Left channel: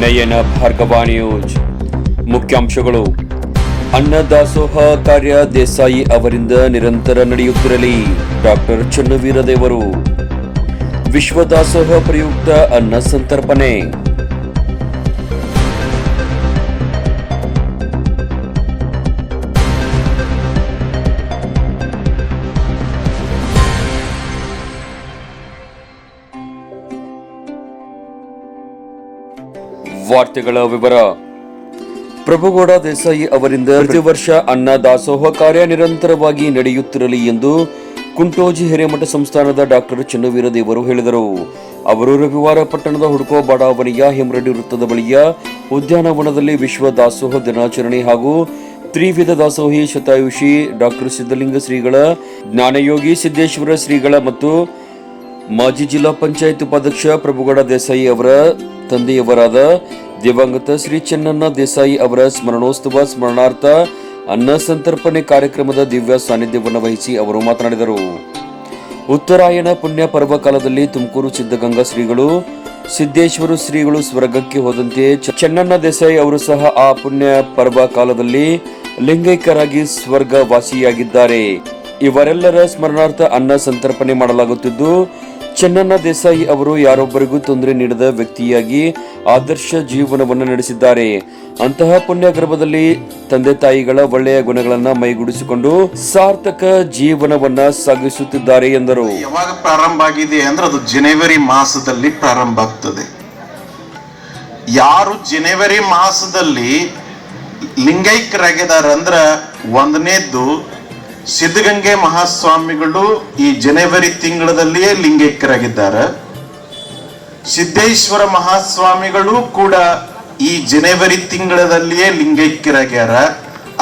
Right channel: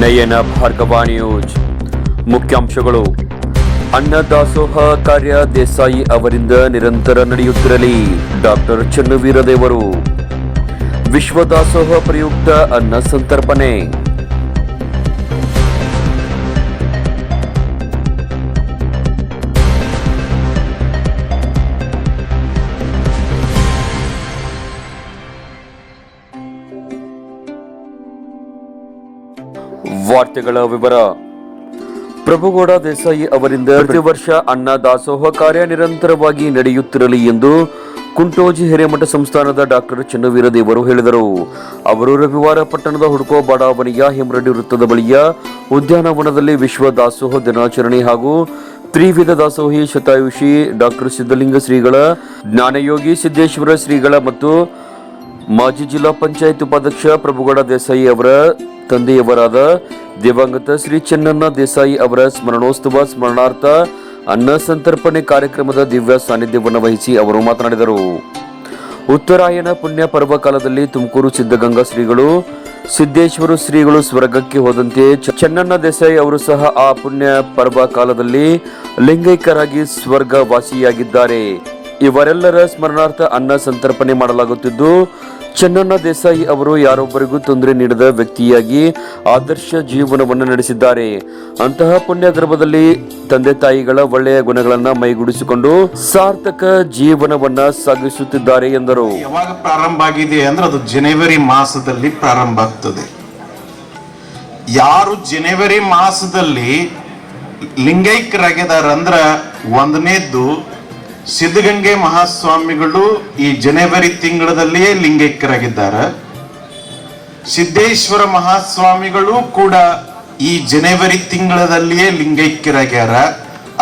ನಯನ Bhargava news ಮುಖ್ಯಾಂಶಗಳು. ಅನ್ನದಾಸೋಹ ಕಾರ್ಯ ದೇಸಾಯಿ ಅವರಿಂದ ನಿರಂತರ ನಡೆಯುತ್ತಿರಲಿ. ಡಾಕ್ಟರ್ ಚನ್ನವೀರದೇವರು. ವಿಶ್ವ ದಾಸೋಹ ಪ್ರಯುಕ್ತ ಅನ್ನ ಸಂತರ್ಪಣೆ. ವಾರ್ತೆಗಳ ವಿವರ. ಪ್ರಭುಗೌಡ ದೇಸಾಯಿ ಅವರಿಂದ ಪ್ರತಿ ವರ್ಷ ಅನ್ನ ದಾಸೋಹ ಕಾರ್ಯ ನಿರಂತರವಾಗಿ ನಡೆಯುತ್ತಿರಲಿ ಎಂದು ಕುಂಟೋಜಿ ಹಿರೇಮಠ ಸಂಸ್ಥಾನದ ಡಾಕ್ಟರ್ ಚನ್ನವೀರ ದೇವರು ಹೇಳಿದರು. ಅವರು ರವಿವಾರ ಪಟ್ಟಣದ ಹುಡುಕೋ ಬಡಾವಣೆಯ ಹೆಮ್ರಡಿ ವೃತ್ತದ ಬಳಿಯ ಉದ್ಯಾನವನದಲ್ಲಿ ವಿಶ್ವ ದಾಸೋಹ ದಿನಾಚರಣೆ ಹಾಗೂ ತ್ರಿವಿಧ ದಾಸೋಹಿ ಶತಾಯುಷಿ ಡಾಕ್ಟರ್ ಸಿದ್ದಲಿಂಗ ಶ್ರೀಗಳ, ಜ್ಞಾನಯೋಗಿ ಸಿದ್ದೇಶ್ವರ ಶ್ರೀಗಳ ಮತ್ತು ಮಾಜಿ ಜಿಲ್ಲಾ ಪಂಚಾಯತ್ ಉಪಾಧ್ಯಕ್ಷ ಪ್ರಭುಗೌಡ ದೇಸಾಯಿ ಅವರ ತಂದೆಯವರಾದ ದಿವಂಗತ ಶ್ರೀ ಚೆನ್ನಣ್ಣ ದೇಸಾಯಿ ಅವರ ಸ್ಮರಣೋತ್ಸವ ಸ್ಮರಣಾರ್ಥ ಅನ್ನ ಸಂತರ್ಪಣೆ ಕಾರ್ಯಕ್ರಮದ ದಿವ್ಯ ಸಾನ್ನಿಧ್ಯವನ್ನು ವಹಿಸಿ ಅವರು ಮಾತನಾಡಿದರು. ಉತ್ತರಾಯಣ ಪುಣ್ಯ ಪರ್ವ ಕಾಲದಲ್ಲಿ ತುಮಕೂರು ಸಿದ್ಧಗಂಗಾ ಶ್ರೀಗಳು, ಸಿದ್ದೇಶ್ವರ ಶ್ರೀಗಳು ಸ್ವರ್ಗಕ್ಕೆ ಹೋದಂತೆ ಚೆನ್ನಣ್ಣ ದೇಸಾಯಿ ಅವರು ಸಹ ಆ ಪುಣ್ಯ ಪರ್ವ ಕಾಲದಲ್ಲಿ ಲಿಂಗೈಕ್ಯರಾಗಿ ಸ್ವರ್ಗ ವಾಸಿಯಾಗಿದ್ದಾರೆ ಇವರೆಲ್ಲರ ಸ್ಮರಣಾರ್ಥ ಅನ್ನ ಸಂತರ್ಪಣೆ ಮಾಡಲಾಗುತ್ತಿದ್ದು ಚೆನ್ನಣ್ಣ ದೇಸಾಯಿ ಅವರು ಯಾರೊಬ್ಬರಿಗೂ ತೊಂದರೆ ನೀಡದ ವ್ಯಕ್ತಿಯಾಗಿ ಆದರ್ಶ ಜೀವನವನ್ನು ನಡೆಸಿದ್ದಾರೆ. ಅಂತಹ ಪುಣ್ಯ ಗರ್ಭದಲ್ಲಿ ತಂದೆ ತಾಯಿಗಳ ಒಳ್ಳೆಯ ಗುಣಗಳನ್ನ ಮೈಗೂಡಿಸಿಕೊಂಡು ಸಾರ್ಥಕ ಜೀವನವನ್ನ ಸಾಗಿಸುತ್ತಿದ್ದಾರೆ ಎಂದರು. ಯಾವಾಗ ಪ್ರಾರಂಭ ಆಗಿದೆ ಅಂದ್ರೆ ಅದು ಜನವರಿ ಮಾಸದಲ್ಲಿ ಪ್ರಾರಂಭ ಆಗ್ತದೆ. ಯಾರು ಜನವರಿ ಮಾಸದಲ್ಲಿ ಲಿಂಗೈಕ್ಯರಾಗಿದ್ದಾರೆ ಅಂದ್ರ ಒಂದನೇದ್ದು ಸಿದ್ಧಗಂಗೆ ಮಹಾಸ್ವಾಮಿಗಳು ಈ ಜನವರಿ ತಿಂಗಳದಲ್ಲಿಯೇ ಲಿಂಗೈಕ್ಯರಾಗಿದ್ದಾರೆ. ಸಿದ್ದೇಶ್ವರ ಮಹಾಸ್ವಾಮಿಗಳು ಕೂಡ ಈ ಜನವರಿ ತಿಂಗಳದಲ್ಲಿಯೇ ಲಿಂಗೈಕ್ಯರಾಗ್ಯಾರ.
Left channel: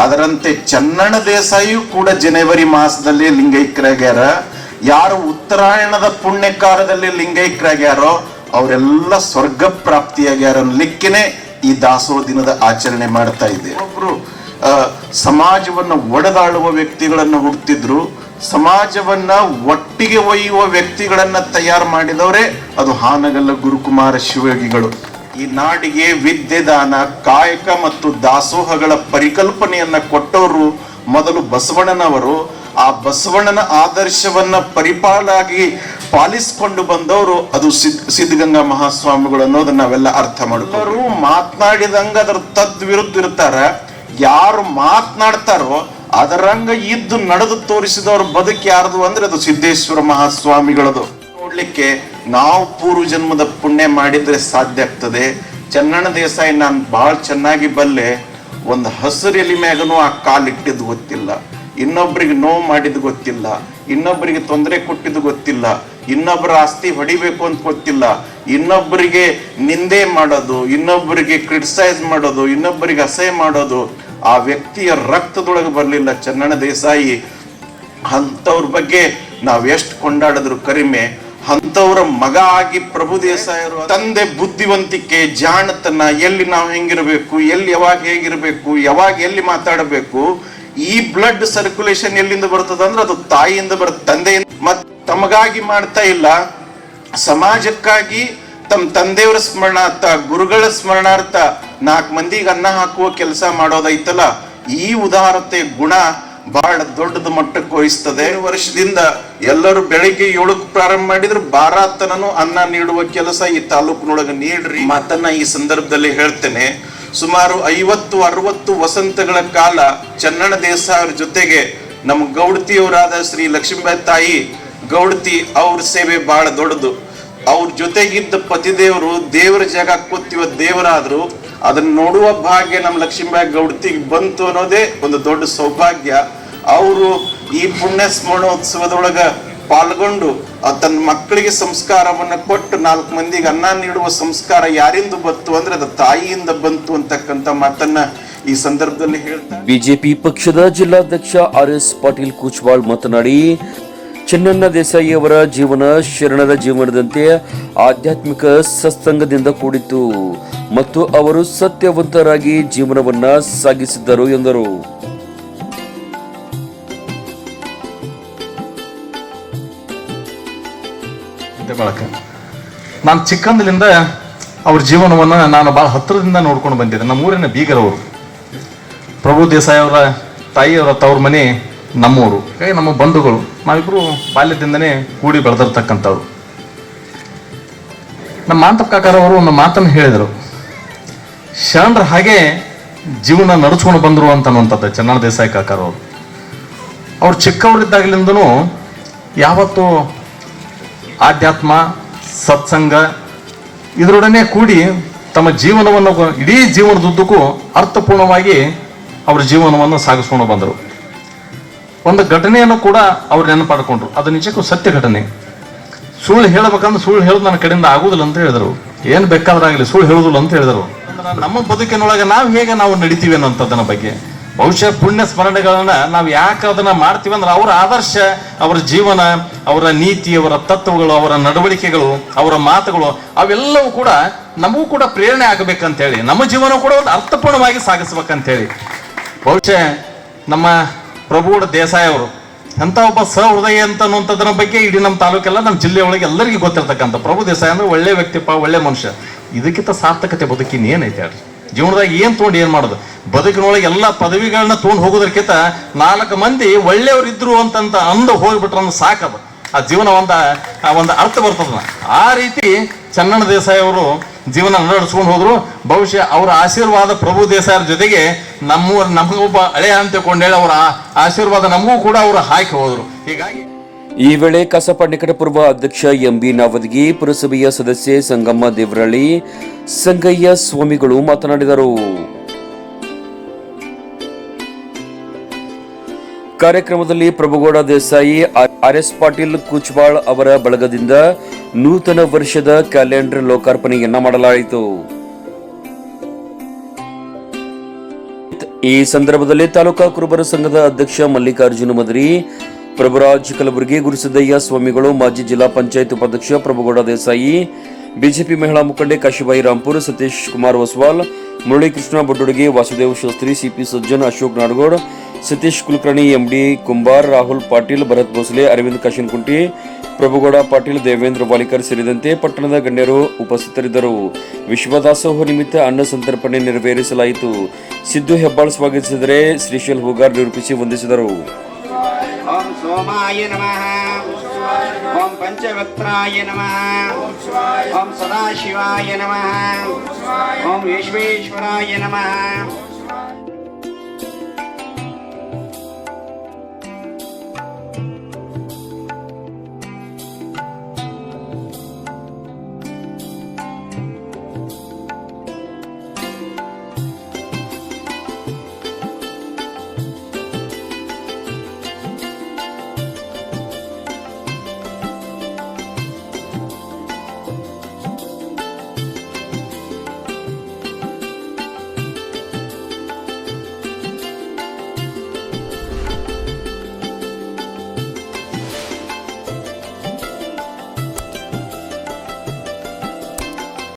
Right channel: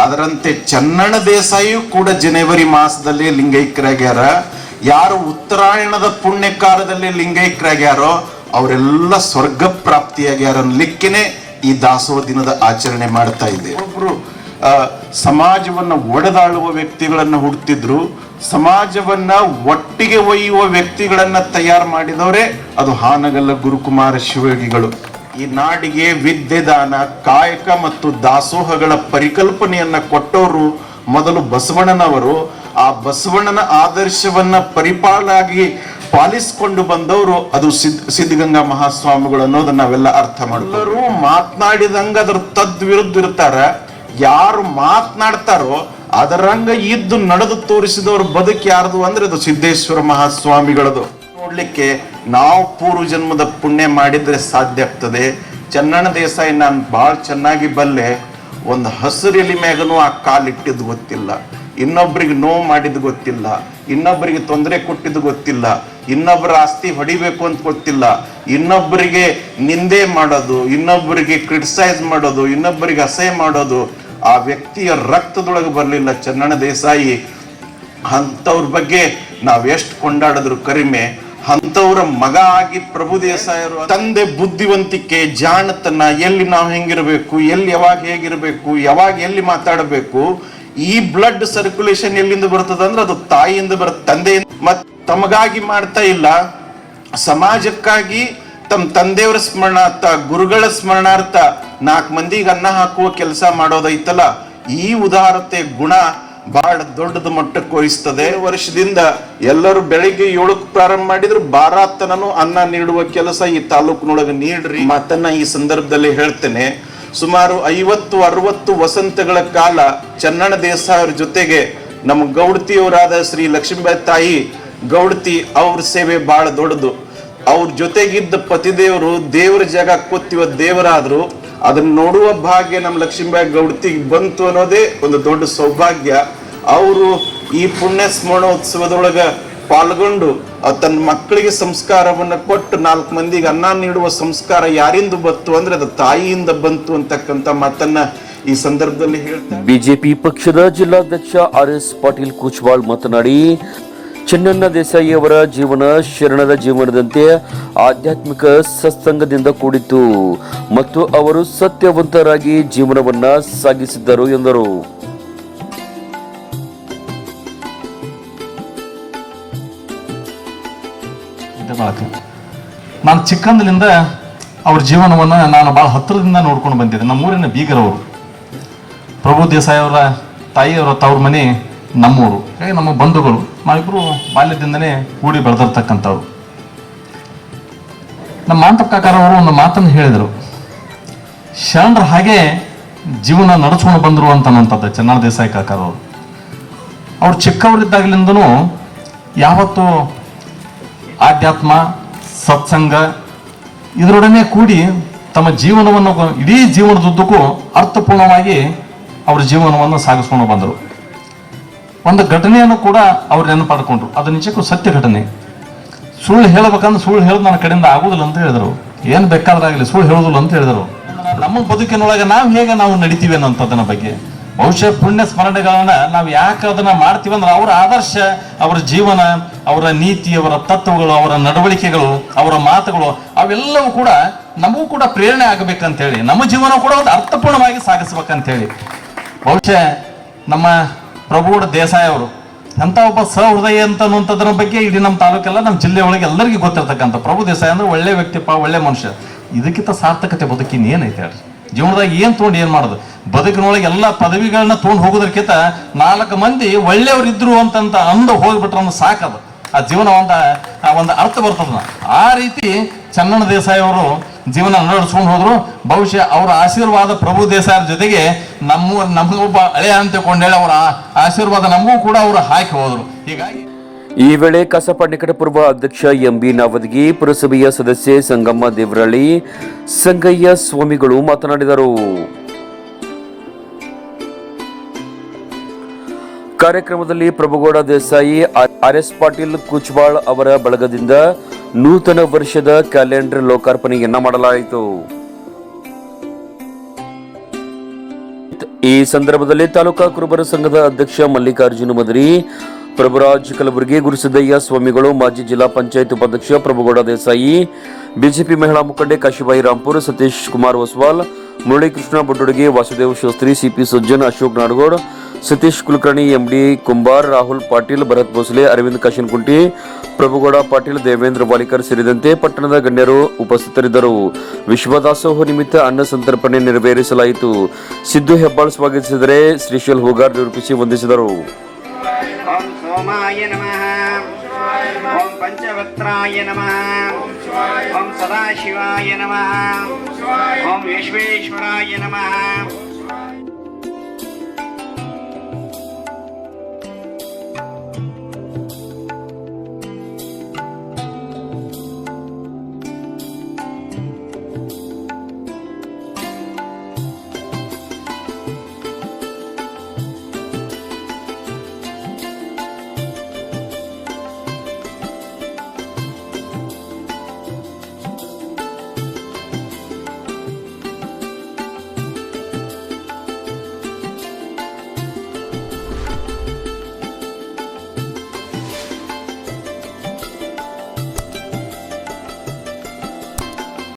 ಅದರಂತೆ ಚನ್ನಣ ದೇಸಾಯಿಯು ಕೂಡ ಜನವರಿ ಮಾಸದಲ್ಲಿ ಲಿಂಗೈಕ್ಯರಾಗ್ಯಾರ. ಯಾರು ಉತ್ತರಾಯಣದ ಪುಣ್ಯಕಾಲದಲ್ಲಿ ಲಿಂಗೈಕ್ಯರಾಗ್ಯಾರೋ ಅವರೆಲ್ಲ ಸ್ವರ್ಗ ಪ್ರಾಪ್ತಿಯಾಗ್ಯಾರ ಅನ್ಲಿಕ್ಕೇನೆ ಈ ದಾಸೋಹ ದಿನದ ಆಚರಣೆ ಮಾಡ್ತಾ ಇದೆ ಒಬ್ರು ಸಮಾಜವನ್ನ ಒಡೆದಾಳುವ ವ್ಯಕ್ತಿಗಳನ್ನು ಹುಡ್ತಿದ್ರು, ಸಮಾಜವನ್ನ ಒಟ್ಟಿಗೆ ಒಯ್ಯುವ ವ್ಯಕ್ತಿಗಳನ್ನ ತಯಾರು ಮಾಡಿದವರೇ ಅದು ಹಾನಗಲ್ಲ ಗುರುಕುಮಾರ ಶಿವಯೋಗಿಗಳು. ಈ ನಾಡಿಗೆ ವಿದ್ಯೆ ದಾನ ಕಾಯಕ ಮತ್ತು ದಾಸೋಹಗಳ ಪರಿಕಲ್ಪನೆಯನ್ನ ಕೊಟ್ಟವರು ಮೊದಲು ಬಸವಣ್ಣನವರು. ಆ ಬಸವಣ್ಣನ ಆದರ್ಶವನ್ನ ಪರಿಪಾಲಾಗಿ ಪಾಲಿಸಿಕೊಂಡು ಬಂದವರು ಅದು ಸಿದ್, ಸಿದ್ಧಗಂಗಾ ಮಹಾಸ್ವಾಮಿಗಳು ಅನ್ನೋದನ್ನ ನಾವೆಲ್ಲ ಅರ್ಥ ಮಾಡ್ತಾರೆ ಮಾತನಾಡಿದಂಗ ಅದ್ರ ತದ್ವಿರುದ್ಧ ಇರ್ತಾರ. ಯಾರು ಮಾತನಾಡ್ತಾರೋ ಅದರಂಗ ಇದ್ದು ನಡೆದು ತೋರಿಸಿದವ್ರ ಬದುಕು ಯಾರ್ದು ಅಂದ್ರೆ ಅದು ಸಿದ್ದೇಶ್ವರ ಮಹಾಸ್ವಾಮಿಗಳದು. ನೋಡ್ಲಿಕ್ಕೆ ನಾವು ಪೂರ್ವ ಜನ್ಮದ ಪುಣ್ಯ ಮಾಡಿದ್ರೆ ಸಾಧ್ಯ ಆಗ್ತದೆ. ಚನ್ನಣ್ಣ ದೇಸಾಯಿ ನಾನು ಬಹಳ ಚೆನ್ನಾಗಿ ಬಲ್ಲೆ, ಒಂದು ಹಸಿರು ಎಲಿ ಮ್ಯಾಗನು ಆ ಕಾಲಿಟ್ಟಿದ್ದು ಗೊತ್ತಿಲ್ಲ. ಇನ್ನೊಬ್ರಿಗೆ ನೋವು ಮಾಡಿದ್ದು ಗೊತ್ತಿಲ್ಲ. ಇನ್ನೊಬ್ಬರಿಗೆ ತೊಂದರೆ ಕೊಟ್ಟಿದ್ದು ಗೊತ್ತಿಲ್ಲ. ಇನ್ನೊಬ್ಬರ ಆಸ್ತಿ ಹೊಡಿಬೇಕು ಅಂತ ಗೊತ್ತಿಲ್ಲ. ಇನ್ನೊಬ್ಬರಿಗೆ ನಿಂದೆ ಮಾಡೋದು ಇನ್ನೊಬ್ಬರಿಗೆ ಕ್ರಿಟಿಸೈಸ್ ಮಾಡೋದು ಇನ್ನೊಬ್ಬರಿಗೆ ಅಸಹ್ಯ ಮಾಡೋದು ಆ ವ್ಯಕ್ತಿಯ ರಕ್ತದೊಳಗೆ ಬರಲಿಲ್ಲ ಚನ್ನಣ ದೇಸಾಯಿ, ಅಂಥವ್ರ ಬಗ್ಗೆ ನಾವ್ ಎಷ್ಟು ಕೊಂಡಾಡಿದ್ರು ಕರಿಮೆ, ಅಂಥವ್ರ ಮಗ ಆಗಿ ಪ್ರಭು ದೇಸಾಯರು ತಂದೆ ಬುದ್ಧಿವಂತಿಕೆ, ಜಾಣತನ, ಎಲ್ಲಿ ನಾವು ಹೆಂಗಿರಬೇಕು, ಎಲ್ಲಿ ಯಾವಾಗ ಹೇಗಿರ್ಬೇಕು, ಯಾವಾಗ ಎಲ್ಲಿ ಮಾತಾಡಬೇಕು, ಈ ಬ್ಲಡ್ ಸರ್ಕ್ಯುಲೇಷನ್ ಎಲ್ಲಿಂದ ಬರ್ತದ ಅಂದ್ರೆ ಅದು ತಾಯಿಯಿಂದ ಬರ ತಂದೆಯಿಂದ. ಮತ್ತೆ ತಮಗಾಗಿ ಮಾಡ್ತಾ ಇಲ್ಲ, ಸಮಾಜಕ್ಕಾಗಿ ತಮ್ಮ ತಂದೆಯವರ ಸ್ಮರಣಾರ್ಥ, ಗುರುಗಳ ಸ್ಮರಣಾರ್ಥ ನಾಲ್ಕು ಮಂದಿಗೆ ಅನ್ನ ಹಾಕುವ ಕೆಲಸ ಮಾಡೋದೈತಲ್ಲ, ಈ ಉದಾರತೆ ಗುಣ ಬಹಳ ದೊಡ್ಡದ ಮಟ್ಟಕ್ಕೆ ವಹಿಸ್ತದೆ. ವರ್ಷದಿಂದ ಎಲ್ಲರೂ ಬೆಳಿಗ್ಗೆ ಏಳಕ್ಕೆ ಪ್ರಾರಂಭ ಮಾಡಿದ್ರು, ಬಾರಾತನನು ಅನ್ನ ನೀಡುವ ಕೆಲಸ ಈ ತಾಲೂಕಿನೊಳಗೆ ನೀಡ್ರಿ. ಮಾತನ್ನ ಈ ಸಂದರ್ಭದಲ್ಲಿ ಹೇಳ್ತೇನೆ, ಸುಮಾರು ಐವತ್ತು, ಅರವತ್ತು ವಸಂತಗಳ ಕಾಲ ಚನ್ನಣ ದೇಸಾಯರ ಜೊತೆಗೆ ನಮ್ಮ ಗೌಡತಿಯವರಾದ ಶ್ರೀ ಲಕ್ಷ್ಮೀಬಾಯಿ ತಾಯಿ ಗೌಡತಿ ಅವ್ರ ಸೇವೆ ಬಹಳ ದೊಡ್ಡದು. ಅವ್ರ ಜೊತೆಗಿದ್ದ ಪತಿದೇವರು ದೇವರ ಜಾಗ ಕೂತಿವ ದೇವರಾದ್ರು, ಅದನ್ನ ನೋಡುವ ಭಾಗ್ಯ ನಮ್ಮ ಲಕ್ಷ್ಮೀಬಾಯಿ ಗೌಡತಿಗೆ ಬಂತು ಅನ್ನೋದೇ ಒಂದು ದೊಡ್ಡ ಸೌಭಾಗ್ಯ. ಅವರು ಈ ಪುಣ್ಯ ಸ್ಮರಣೋತ್ಸವದೊಳಗ ಪಾಲ್ಗೊಂಡು ತನ್ನ ಮಕ್ಕಳಿಗೆ ಸಂಸ್ಕಾರವನ್ನು ಕೊಟ್ಟು ನಾಲ್ಕು ಮಂದಿಗೆ ಅನ್ನ ನೀಡುವ ಸಂಸ್ಕಾರ ಯಾರಿಂದ ಬಂತು ಅಂದ್ರೆ ಅದು ತಾಯಿಯಿಂದ ಬಂತು ಅಂತಕ್ಕಂಥ ಮಾತನ್ನ ಈ ಸಂದರ್ಭದಲ್ಲಿ ಹೇಳ್ತಾರೆ. ಬಿಜೆಪಿ ಪಕ್ಷದ ಜಿಲ್ಲಾಧ್ಯಕ್ಷ ಆರ್ ಎಸ್ ಪಾಟೀಲ್ ಕುಚ್ವಾಳ್ ಮಾತನಾಡಿ ಚೆನ್ನಣ್ಣ ದೇಸಾಯಿ ಅವರ ಜೀವನ ಶರಣರ ಜೀವನದಂತೆ ಆಧ್ಯಾತ್ಮಿಕ ಸತ್ಸಂಗದಿಂದ ಕೂಡಿತ್ತು ಮತ್ತು ಅವರು ಸತ್ಯವಂತರಾಗಿ ಜೀವನವನ್ನ ಸಾಗಿಸಿದ್ದರು ಎಂದರು. ನಾನು ಚಿಕ್ಕಂದಿನಿಂದ ಅವ್ರ ಜೀವನವನ್ನು ನಾನು ಭಾಳ ಹತ್ತಿರದಿಂದ ನೋಡ್ಕೊಂಡು ಬಂದಿದ್ದೆ. ನಮ್ಮ ಊರಿನ ಬೀಗರವರು. ಪ್ರಭು ದೇಸಾಯಿ ಅವರ ತಾಯಿಯವರ ತವ್ರ ಮನೆ ನಮ್ಮೂರು ಹಾಗಾಗಿ ನಮ್ಮ ಬಂಧುಗಳು ನಾವಿಬ್ಬರು ಬಾಲ್ಯದಿಂದನೇ ಕೂಡಿ ಬೆಳೆದಿರ್ತಕ್ಕಂಥವ್ರು ನಮ್ಮ ಮಾಂತಪ್ಪ ಕಾಕಾರವರು ಒಂದು ಮಾತನ್ನು ಹೇಳಿದರು. ಶರಣರ ಹಾಗೆ ಜೀವನ ನಡೆಸ್ಕೊಂಡು ಬಂದರು ಅಂತನ್ನುವಂಥದ್ದು ಚೆನ್ನಾಳ ದೇಸಾಯಿ ಕಾಕಾರವರು ಅವ್ರು ಚಿಕ್ಕವರಿದ್ದಾಗಲಿಂದನೂ ಯಾವತ್ತೂ ಆಧ್ಯಾತ್ಮ, ಸತ್ಸಂಗ ಇದರೊಡನೆ ಕೂಡಿ ತಮ್ಮ ಜೀವನವನ್ನು, ಇಡೀ ಜೀವನದುದ್ದಕ್ಕೂ ಅರ್ಥಪೂರ್ಣವಾಗಿ ಅವ್ರ ಜೀವನವನ್ನು ಸಾಗಿಸ್ಕೊಂಡು ಬಂದರು. ಒಂದು ಘಟನೆಯನ್ನು ಕೂಡ ಅವ್ರು ನೆನಪಾಡ್ಕೊಂಡ್ರು. ಅದು ನಿಜಕ್ಕೂ ಸತ್ಯ ಘಟನೆ. ಸುಳ್ಳು ಹೇಳಬೇಕಂದ್ರೆ ಸುಳ್ಳು ಹೇಳೋದು ನನ್ನ ಕಡೆಯಿಂದ ಆಗುದಿಲ್ಲ ಅಂತ ಹೇಳಿದರು. ಏನು ಬೇಕಾದ್ರಾಗಲಿ ಸುಳ್ಳು ಹೇಳುದಿಲ್ಲ ಅಂತ ಹೇಳಿದರು. ನಮ್ಮ ಬದುಕಿನೊಳಗೆ ನಾವು ಹೇಗೆ ನಾವು ನಡಿತೀವಿ ಅನ್ನೋಂಥದ್ದನ್ನ ಬಗ್ಗೆ. ಬಹುಶಃ ಪುಣ್ಯ ಸ್ಮರಣೆಗಳನ್ನ ನಾವು ಯಾಕೆ ಅದನ್ನ ಮಾಡ್ತೀವಿ ಅಂದ್ರೆ ಅವರ ಆದರ್ಶ, ಅವರ ಜೀವನ, ಅವರ ನೀತಿ, ಅವರ ತತ್ವಗಳು, ಅವರ ನಡವಳಿಕೆಗಳು, ಅವರ ಮಾತುಗಳು, ಅವೆಲ್ಲವೂ ಕೂಡ ನಮಗೂ ಕೂಡ ಪ್ರೇರಣೆ ಆಗಬೇಕಂತೇಳಿ. ನಮ್ಮ ಜೀವನ ಕೂಡ ಒಂದು ಅರ್ಥಪೂರ್ಣವಾಗಿ ಸಾಗಿಸ್ಬೇಕಂತೇಳಿ. ಬಹುಶಃ ನಮ್ಮ ಪ್ರಭುಗೌಡ ದೇಸಾಯಿ ಅವರು. ಅಂತ ಒಬ್ಬ ಸಹೃದಯ ಅಂತ ಅನ್ನುವಂಥದ್ರ ಬಗ್ಗೆ ಇಡೀ ನಮ್ಮ ತಾಲೂಕೆಲ್ಲ, ನಮ್ಮ ಜಿಲ್ಲೆ ಒಳಗೆ ಎಲ್ಲರಿಗೂ ಗೊತ್ತಿರ್ತಕ್ಕಂಥ ಪ್ರಭು ದೇಸಾಯಿ ಅಂದ್ರೆ ಒಳ್ಳೆ ವ್ಯಕ್ತಿಪ್ಪ ಒಳ್ಳೆ ಮನುಷ್ಯ. ಇದಕ್ಕಿಂತ ಸಾರ್ಥಕತೆ ಬದುಕಿನ ಏನೈತೆ ಹೇಳ್ರಿ? ಜೀವನದಾಗ ಏನು ತೊಗೊಂಡು ಏನು ಮಾಡೋದು? ಬದುಕಿನೊಳಗೆ ಎಲ್ಲ ಪದವಿಗಳನ್ನ ತೊಗೊಂಡು ಹೋಗೋದಕ್ಕಿಂತ ನಾಲ್ಕು ಮಂದಿ ಒಳ್ಳೆಯವ್ರು ಇದ್ರು ಅಂತಂತ ಅಂದು ಹೋಗ್ಬಿಟ್ರೆ ಅನ್ನೋ ಸಾಕದು. ಆ ಜೀವನ ಒಂದು, ಆ ಒಂದು ಅರ್ಥ ಬರ್ತದ ಆ ರೀತಿ ಚನ್ನಣ್ಣ ದೇಸಾಯಿ ಅವರು ಜೀವನ ನಡೆಸ್ಕೊಂಡು ಹೋದ್ರು. ಬಹುಶಃ ಅವರ ಆಶೀರ್ವಾದ ಪ್ರಭು ದೇಸಾಯರ ಜೊತೆಗೆ ನಮ್ಮ ನಮಗೊಬ್ಬ ಹಳೆಯ ಅಂತ ಕೊಂಡೇಳಿ ಅವರ ಆಶೀರ್ವಾದ ನಮಗೂ ಕೂಡ ಅವರು ಹಾಕಿ ಹೋದ್ರು. ಹೀಗಾಗಿ ಈ ವೇಳೆ ಕಸಪ ನಿಕಟಪೂರ್ವ ಅಧ್ಯಕ್ಷ ಎಂಬಿ ನಾವದಗಿ, ಪುರಸಭೆಯ ಸದಸ್ಯೆ ಸಂಗಮ್ಮ ದೇವರಳ್ಳಿ, ಸಂಗಯ್ಯ ಸ್ವಾಮಿಗಳು ಮಾತನಾಡಿದರು. ಕಾರ್ಯಕ್ರಮದಲ್ಲಿ ಪ್ರಭುಗೌಡ ದೇಸಾಯಿ ಆರ್ ಎಸ್ ಪಾಟೀಲ್ ಕುಚ್ವಾಳ್ ಅವರ ಬಳಗದಿಂದ ನೂತನ ವರ್ಷದ ಕ್ಯಾಲೆಂಡರ್ ಲೋಕಾರ್ಪಣೆಯನ್ನ ಮಾಡಲಾಯಿತು. ಈ ಸಂದರ್ಭದಲ್ಲಿ ತಾಲೂಕಾ ಕುರುಬರ ಸಂಘದ ಅಧ್ಯಕ್ಷ ಮಲ್ಲಿಕಾರ್ಜುನ ಮದರಿ, ಪ್ರಭುರಾಜ್ ಕಲಬುರಗಿ, ಗುರುಸಿದ್ದಯ್ಯ ಸ್ವಾಮಿಗಳು, ಮಾಜಿ ಜಿಲ್ಲಾ ಪಂಚಾಯತ್ ಉಪಾಧ್ಯಕ್ಷ ಪ್ರಭುಗೌಡ ದೇಸಾಯಿ, ಬಿಜೆಪಿ ಮಹಿಳಾ ಮುಖಂಡೆ ಕಾಶಿಬಾಯಿ ರಾಂಪುರ್, ಸತೀಶ್ ಕುಮಾರ್ ಒಸ್ವಾಲ್ ಮುರಳೀಕೃಷ್ಣ ಬೊಡ್ಡುಡಿಗೆ, ವಾಸುದೇವ್ ಶಾಸ್ತ್ರಿ, ಸಿಪಿ ಸುಜ್ಜನ್, ಅಶೋಕ್ ನಾಡಗೌಡ್, ಸತೀಶ್ ಕುಲಕರ್ಣಿ, ಎಂಡಿ ಕುಂಬಾರ್, ರಾಹುಲ್ ಪಾಟೀಲ್, ಭರತ್ ಭೋಸಲೆ, ಅರವಿಂದ್ ಕಾಶಿನ್ಕುಂಟಿ, ಪ್ರಭುಗೌಡ ಪಾಟೀಲ್, ದೇವೇಂದ್ರ ವಾಲಿಕರ್ ಸೇರಿದಂತೆ ಪಟ್ಟಣದ ಗಣ್ಯರು ಉಪಸ್ಥಿತರಿದ್ದರು. ವಿಶ್ವದಾಸೋಹ ನಿಮಿತ್ತ ಅನ್ನ ಸಂತರ್ಪಣೆ ನೆರವೇರಿಸಲಾಯಿತು. ಸಿದ್ದು ಹೆಬ್ಬಾಳ್ ಸ್ವಾಗತಿಸಿದರೆ ಶ್ರೀಶೈಲ್ ಹೂಗಾರ್ ನಿರೂಪಿಸಿ ವಂದಿಸಿದರು. सुमित्राय नमः ओम सदाशिवाय नमः ओम विश्वेश्वराय नमः